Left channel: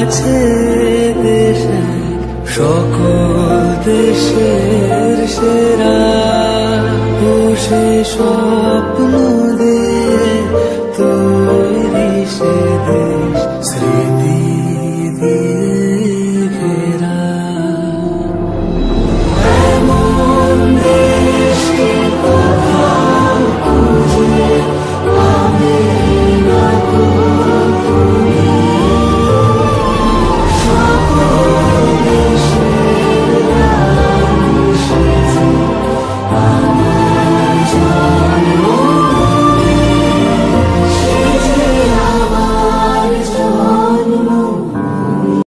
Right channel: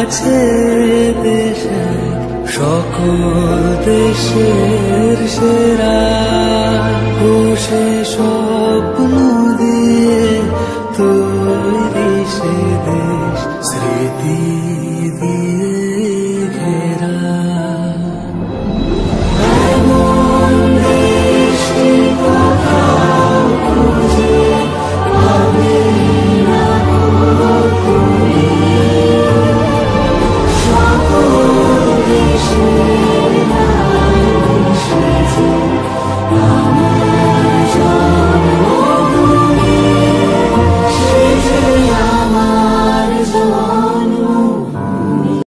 আছে দেশ এক, সকল দেশের সেরা। ও সে স্বপ্ন দিয়ে তৈরি সে দেশ,